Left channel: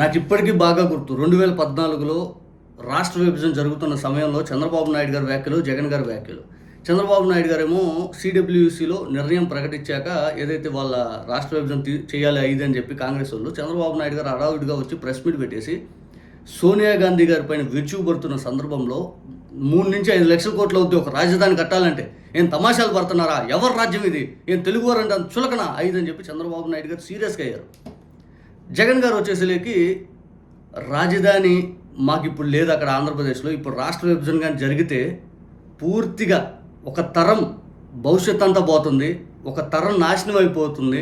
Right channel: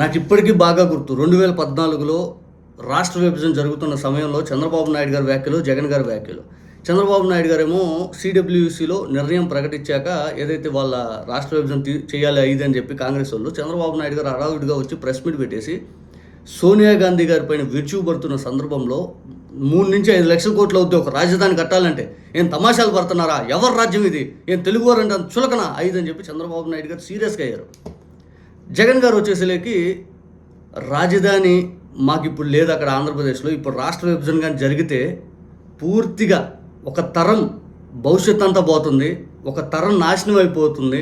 నాకు ఇప్పటికీ బాగా గుర్తు 2014లో రాష్ట్ర విభజన జరుగుతున్న సమయంలో చంద్రబాబు నాయుడు గారి వ్యాఖ్యలు, జగన్ గారి వ్యాఖ్యలు. చంద్రబాబు నాయుడు గారేమో సిడబ్ల్యూసీలో నిర్ణయం ప్రకటించాక ఏదైతే వాళ్ళ రాష్ట్ర విభజన చేయాలి అని చెప్పి కాంగ్రెస్ వాళ్ళు, చంద్రబాబు నాయుడు గారు హడావుడిగా వచ్చి ప్రెస్ మీట్ పెట్టేసి సోనియా గాంధీ గారి పైన విరుచుకుపడుతున్న సందర్భంలో 3 నుంచి 5 లక్షల కోట్లు అవుతుంది ఒక రాజధాని కట్టాలంటే. ఏం తమాషాలు పడుతున్నారా? ఎవరి రాజ్యం ఇది? ఏం తెలుగువారంటే అంత చులకన 5 అని చెప్పి చంద్రబాబు నాయుడు గారు సీరియస్గా అయ్యారు. జగన్ గారు వచ్చేసరికి రాజధాని మాకు ఇప్పుడు లేదు అక్కడ ఆంధ్రప్రదేశ్లో. ఇప్పుడు రాష్ట్ర విభజన కానీ జరిగితే పూర్తిగా ఒక తరం భవిష్యత్ అంతా పోతుంది, ఒక తరం నాశనం అయిపోతుంది.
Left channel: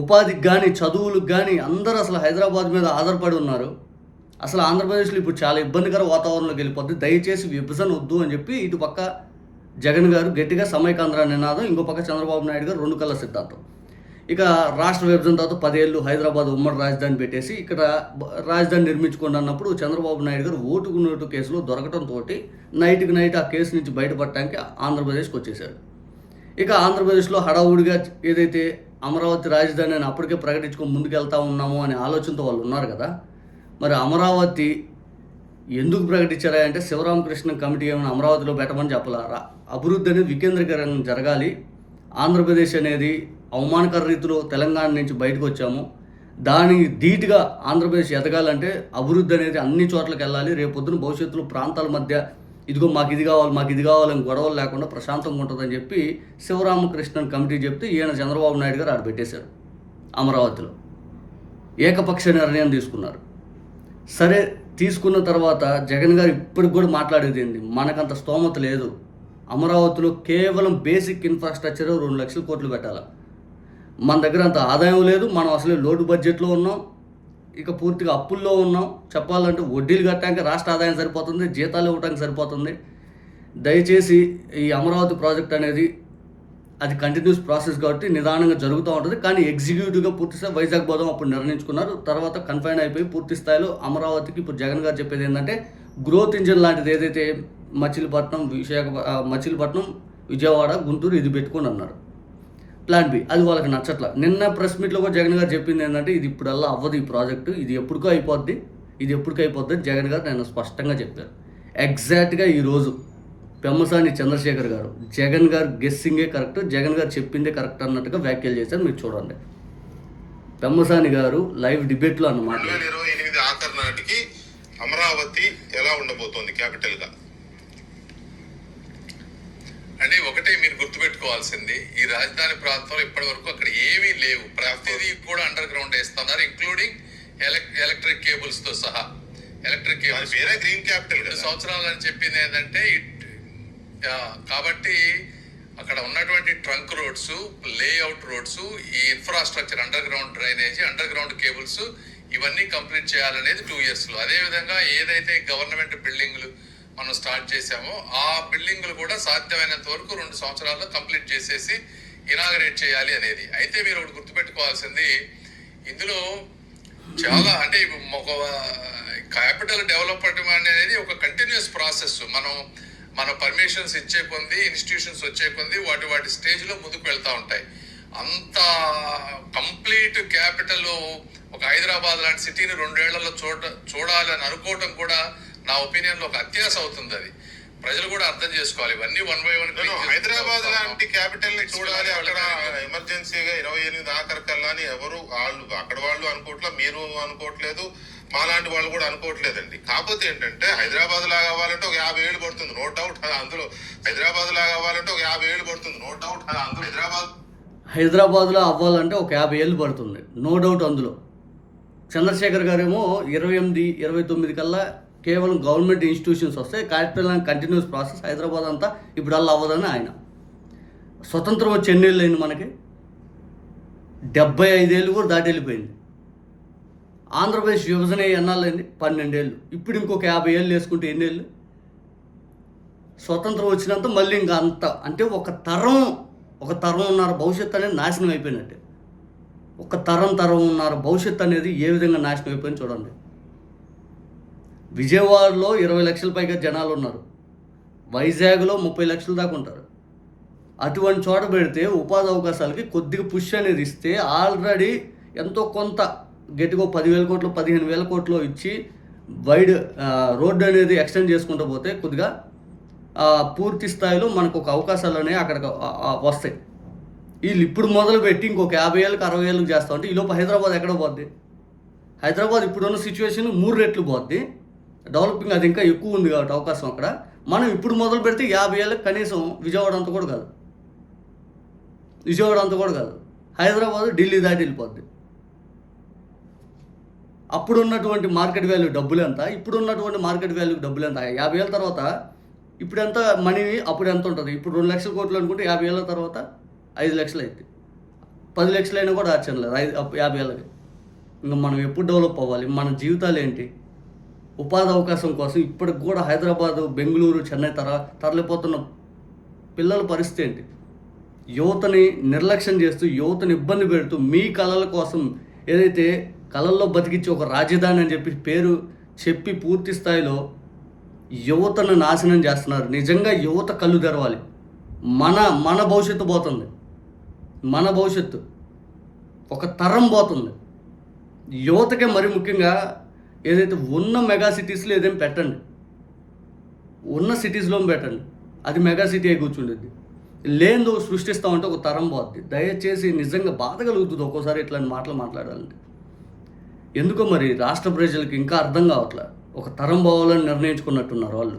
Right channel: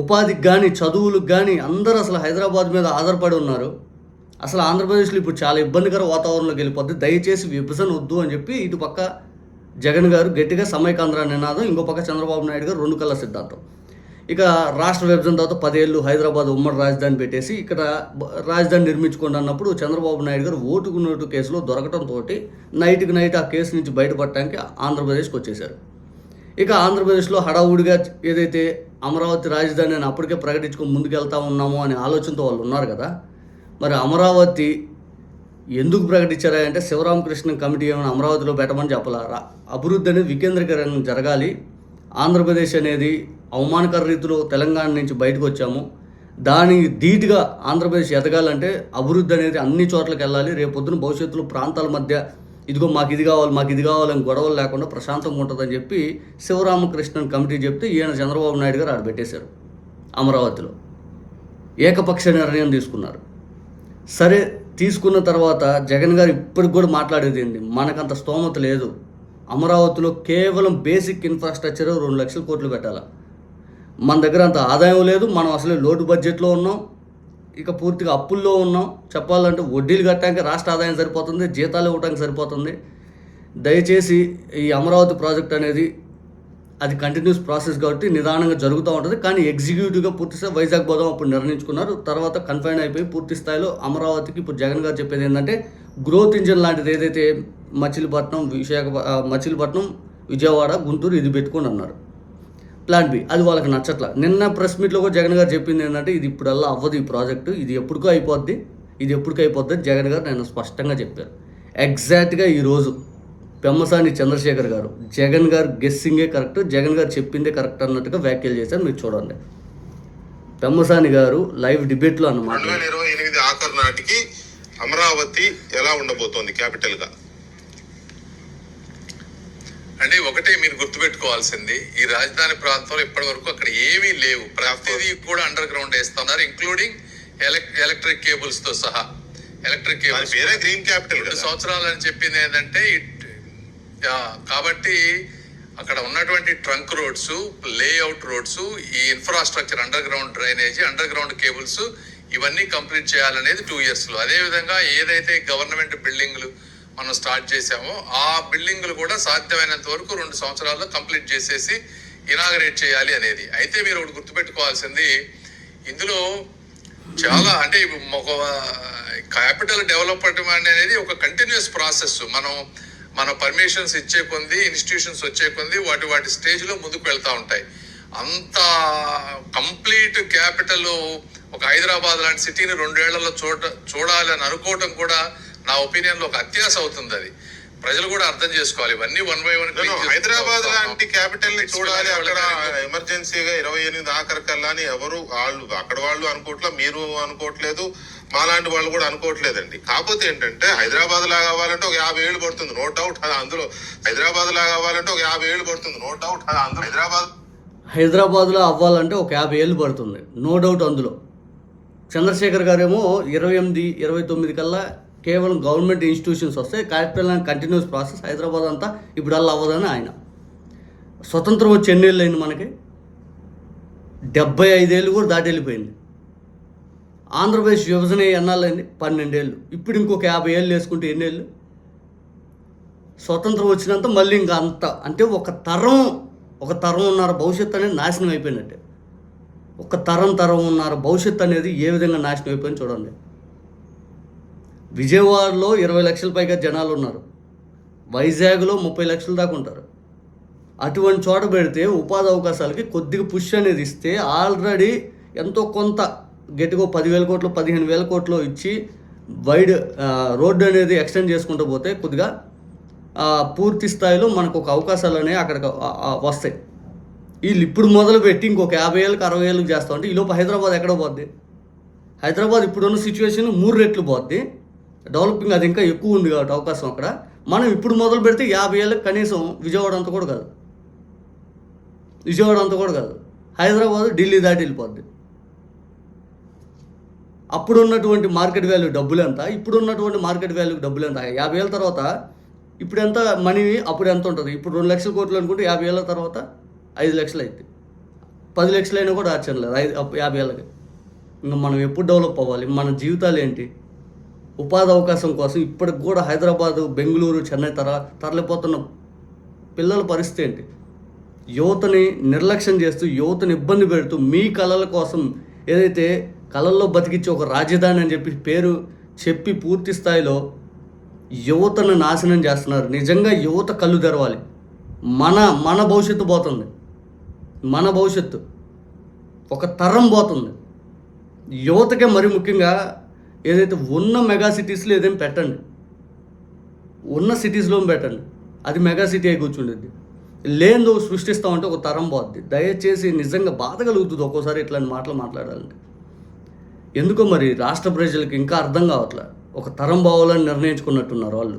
ఉపాధికి కానీ చదువులకు కానీ అందరూ అసలు హైదరాబాద్ మీద ఆధారపడి ఉన్నారు. అసలు ఆంధ్రప్రదేశ్లో ఇప్పుడు చాలా ఇబ్బందికర వాతావరణంలోకి వెళ్ళిపోద్ది. దయచేసి విభజన వద్దు అని చెప్పి ఇటు పక్క జగన్ గారు గట్టిగా సమైకాంధ్ర నినాదం, ఇంకో పక్క చంద్రబాబు నాయుడు గారు 2 కళ్ళ సిద్ధాంతం. ఇక రాష్ట్ర విభజన తర్వాత 10 ఏళ్ళు హైదరాబాద్ ఉమ్మడి రాజధాని పెట్టేసి ఇక్కడ రాజధాని నిర్మించుకోండి అన్నప్పుడు చంద్రబాబు నాయుడు గారు ఓటుకు నోటు కేసులో దొరకడంతో నైట్కి నైట్ ఆ కేసు నుంచి బయటపడటానికి ఆంధ్రప్రదేశ్కి వచ్చేసారు. ఇక ఆంధ్రప్రదేశ్లో హడావుడిగా ఏదైతే అమరావతి రాజధాని అని అప్పటికే ప్రకటించుకొని ముందుకెళ్తా ఉన్నాము అనే ఆలోచనతో వాళ్ళు ఉన్నారు కదా. మరి అమరావతి ఎందుకు ప్రకటించారా అంటే శివరామకృష్ణ కమిటీ ఏమైనా అమరావతిలో పెట్టమని చెప్పాలా? అభివృద్ధి అనేది వికేంద్రీకరణ జరగాలి. ఆంధ్రప్రదేశ్ అనేది అవమానకర రీతిలో తెలంగాణ నుంచి బయటకు వచ్చాము, దానికి ధీటుగా ఆంధ్రప్రదేశ్ ఎదగాలంటే అభివృద్ధి అనేది అన్ని చోట్లకి వెళ్ళాలి. రేపొద్దున భవిష్యత్తులో ప్రాంతాల మధ్య ఇదిగో మాకు ఇది కావాలని గొడవలు లేకుండా ప్రశాంతంగా ఉంటుందని చెప్పి శివరామకృష్ణన్ కమిటీ చెప్తే ఈయన చంద్రబాబు నాయుడు గారు ఆడ పెట్టేశారు. అమరావతిలో ఏకపక్ష నిర్ణయం తీసుకున్నారు. సరే, తీసుకున్న తర్వాత జగన్ గారు ఇప్పటికి కూడా మాట్లాడేది ఏంటి, మనకంత స్తోమత లేదు, అమరావతిలో కేవలం బేసిక్ ఇన్ఫ్రాస్ట్రక్చర్ 2 లక్షల కోట్లు పెట్టాలి, మన దగ్గర అంత ఆదాయం లేదు, మనం అసలే లోటు బడ్జెట్లో ఉన్నాం, ఇక పూర్తిగా అప్పుల్లో ఉన్నాం, చెప్పాలంటే వడ్డీలు కట్టడానికి రాష్ట్ర ఆదాయం సరిపోతుంది, జీతాలు ఇవ్వడానికి సరిపోతుంది. దయచేసి ఈ అమరావతి ప్రాజెక్ట్ అనేది అది కంటిన్యూస్ ప్రాసెస్ కాబట్టి నిదానంగా జరుగుతూ ఉంటుంది. కానీ ఎగ్జిక్యూటివ్గా పూర్తిస్థాయి వైజాగ్ పోదాం అప్పుడు నిర్ణయించుకున్నారు. తర్వాత కన్ఫైన్ అయిపోయి పూర్తి స్థాయిలో అమరావతికి ఇప్పుడు జగన్ గారు చెప్పేది ఏంటంటే గ్రోత్ ఇంజిన్ లాంటిది ఏదైతే మచిలీపట్నం, విజయవాడ, గుంటూరు ఇది పెట్టుకొని అన్నారు. ప్లాన్ బి అది వాళ్ళకి నచ్చట్ల. నిన్న ప్రెస్ మీట్లో కూడా జగన్ గారు చెప్పింది ఏంటంటే ఇది ఇప్పుడల్లా అవ్వదు ఈ ప్రాజెక్టు, ఇది ఎప్పటికో అయిపోద్ది అని జగన్ గారు నేను స్పష్టంగా చెప్పారు. ఎగ్జాక్ట్గా ఈరోజు పెమ్మసాని చంద్రశేఖర్ గారు జగన్ గారు గెస్సింగే కరెక్ట్, జగన్ గారు చెప్పిందే కరెక్ట్ అన్నట్టుగా వ్యాఖ్యలు చేశారు. మీరు చూడండి. పెమ్మసాని గారు లైవ్ డిబేట్లో అన్నమాట. 2028 ఆఖరు నాటికి అమరావతి ఎలా ఉండబోతోంది క్యాపిటల్ గా అంటే ఒకటే మీరు గుర్తుపెట్టుకోవాల్సింది, ఈ రాజధాని ప్రాంతంలో ఇప్పటి వరకు అక్కడ ఏమీ లేవు. ప్రతిదీ కూడా అండర్ గ్రౌండ్ వేస్తున్నారు, ఇంక్లూడింగ్ ఎలక్ట్రిక్ కేబుల్స్ తో సహా. ఎలక్ట్రిక్ కేబుల్స్ గ్రీన్ క్యాపిటల్ 2 సంవత్సరాలు అని చెప్పింది ఏంటంటే కాబట్టి అక్కడ ఉన్నటువంటి ట్రంక్ రోడ్స్, లేఅవుట్ రోడ్స్, ఈ infrastructure, under ground drainage, under ground cables ఇవన్నీ కంప్లీట్ చేయాలనేది 2 years లో. అదేవిధంగా ఏదైతే గవర్నమెంట్ బిల్డింగ్లు మనం స్టార్ట్ చేసామో ఆ బిల్డింగ్లు కూడా సాధ్యమైనంత వరకు 2 సంవత్సరాల్లో కంప్లీట్ చేసేసి ఇనాగరేట్ చేయాలి అనేది. అయితే మీరు ఒకటి గుర్తుపెట్టుకోవాల్సింది, ఇందులో చాలా అంటే ఒక క్యాపిటల్ డెవలప్మెంట్ అనేది ఒక కంటిన్యూస్ ప్రాసెస్. మన పర్మిషన్స్ ఇచ్చే కొంది, ఇన్స్టిట్యూషన్స్ వచ్చే కొంది వాటి స్టేజ్ లో ముందుకు వెళ్తా ఉంటాయి. అంత కంప్లీట్ క్యాపిటల్ ఒక హైదరాబాద్ లాంటి సిటీని 2 ఏళ్లలో చూడాలి అని అనుకోవటం కూడా నా ఒపీనియన్ లో ఒక అత్యాశ అవుతుంది. అది ప్రజలు కూడా అర్థం చేసుకోవాలి. ఇవన్నీ 1 by 1 హైదరాబాద్ లాంటి క్యాపిటల్ ని చూడాలి, అక్కడ ఎమర్జెన్సీగా 28 ఆఖరికల్లా అని ఎవరు అక్కడ వాళ్ళు అనుకోవట్లే, మీరు అనుకోవట్లేదు, మాలాంటి వాళ్ళు కూడా అనుకోవట్లేదండి. కాకపోతే ఏంటంటే హైదరాబాద్ లాగా అవ్వాలంటే ఒక 50 ఏళ్ళు పడుతుంది, నో డౌట్. అందులో హైదరాబాద్ లాగా అవ్వాలంటే ఒక 50 ఏళ్ళు పడుతుంది, నో డౌట్. అందులో హైదరాబాద్లో అవ్వాలంటే ఒక 50 ఏళ్ళు పడుతుంది, నో డౌట్. అందులో చంద్రశేఖర్ గారేమో 28, 29 కల్లా కేవలం గవర్నమెంట్ ఇన్స్టిట్యూషన్స్ వస్తాయి, capital and continuous process, Hyderabad అంతా ఇప్పుడు అలా అవ్వదని ఆయన. స్వతంత్రం వచ్చి ఎన్నేళ్ళు అయింది మనకి? 75 ఏళ్ళు కూడా దాటి వెళ్ళిపోయింది. ఆంధ్రప్రదేశ్ విభజన ఎన్నాళ్ళైంది? 12 ఏళ్ళు. ఇప్పుడు ఇంకొక 50 ఏళ్ళు వేసుకుంటే ఎన్నేళ్ళు? స్వతంత్రం వచ్చినంత మళ్ళీ ఇంకా అంత అంటే ఒక తరం ఉన్నారు, భవిష్యత్తు అనేది నాశనం అయిపోయినట్టే. ఒక తరం ఉన్నారు, భవిష్యత్తు అనేది ఏ విధంగా నాశనం అయిపోయింది చూడండి. విజయవాడలో 20 లక్షల పైగా జనాలు ఉన్నారు, వైజాగ్లో 30 లక్షల దాకా ఉంటారు. అటువంటి చోట పెడితే ఉపాధి అవకాశాలకి కొద్దిగా పుష్ అనేది ఇస్తే ఆల్రెడీ ఎంతో కొంత గట్టిగా 10,000 కోట్లు 15,000 కోట్లు ఇచ్చి వైడ్ రోడ్డు అనేది ఎక్స్టెండ్ చేసుకుంటూ పోతే కొద్దిగా పూర్తి స్థాయిలో మనకు ఒక అవకాశాలు అనేవి అక్కడికి వస్తాయి. వీళ్ళు ఇప్పుడు మొదలు పెట్టి ఇంకొక 50 ఏళ్ళకి 60 ఏళ్ళకి చేస్తా ఉంటే ఈలోపు హైదరాబాద్ ఎక్కడ పోద్ది? హైదరాబాద్ ఇప్పుడున్న సిచ్యువేషన్ 3 రెట్లు పోద్ది. డెవలపింగ్ అది ఇంకా ఎక్కువ ఉంది కాబట్టి అవకాశం అక్కడ. మనం ఇప్పుడు మొదలు పెడితే 50 ఏళ్ళకి కనీసం విజయవాడ అంతా కూడా కాదు, హైదరాబాద్ ఢిల్లీ దాటి వెళ్ళిపోద్ది. అప్పుడున్నటువంటి మార్కెట్ వాల్యూ డబ్బులు ఎంత, ఇప్పుడున్నటువంటి మార్కెట్ వాల్యూ డబ్బులు ఎంత? 50 ఏళ్ళ తర్వాత ఇప్పుడు ఎంత మనీ, అప్పుడు ఎంత ఉంటుంది? ఇప్పుడు 2 లక్షల కోట్లు అనుకుంటే 50 ఏళ్ళ తర్వాత 5 లక్షలు అవుతుంది. 10 లక్షలు అయినా కూడా ఆశ్చర్యం లేదు 50 ఏళ్ళకి. ఇంకా మనం ఎప్పుడు డెవలప్ అవ్వాలి? మన జీవితాలు ఏంటి? ఉపాధి అవకాశం కోసం ఇప్పటికి కూడా హైదరాబాదు, బెంగళూరు, చెన్నై తరలిపోతున్న పిల్లల పరిస్థితి ఏంటి? యువతని నిర్లక్ష్యం చేస్తూ, యువతని ఇబ్బంది పెడుతూ, మీ కళల కోసం ఏదైతే కళల్లో బతికించి ఒక రాజధాని అని చెప్పి పేరు చెప్పి పూర్తి స్థాయిలో యువతను నాశనం చేస్తున్నారు. నిజంగా యువత కళ్ళు తెరవాలి. మన భవిష్యత్తు పోతుంది, మన భవిష్యత్తు ఒక తరం పోతుంది. యువతకే మరి ముఖ్యంగా ఏదైతే ఉన్న మెగా సిటీస్లో ఏదైనా పెట్టండి, ఉన్న సిటీస్లో పెట్టండి, అది మెగా సిటీ అయి కూర్చుండేది. లేనిదో సృష్టిస్తామంటే ఒక తరం పోద్ది. దయచేసి నిజంగా బాధ కలుగుతుంది ఒక్కోసారి ఇట్లాంటి మాటలు మాట్లాడాలంటే. ఎందుకో మరి రాష్ట్ర ప్రజలకు ఇంకా అర్థం కావట్లేదు. ఒక తరం పోవాలని నిర్ణయించుకున్నట్టున్నారు వాళ్ళు.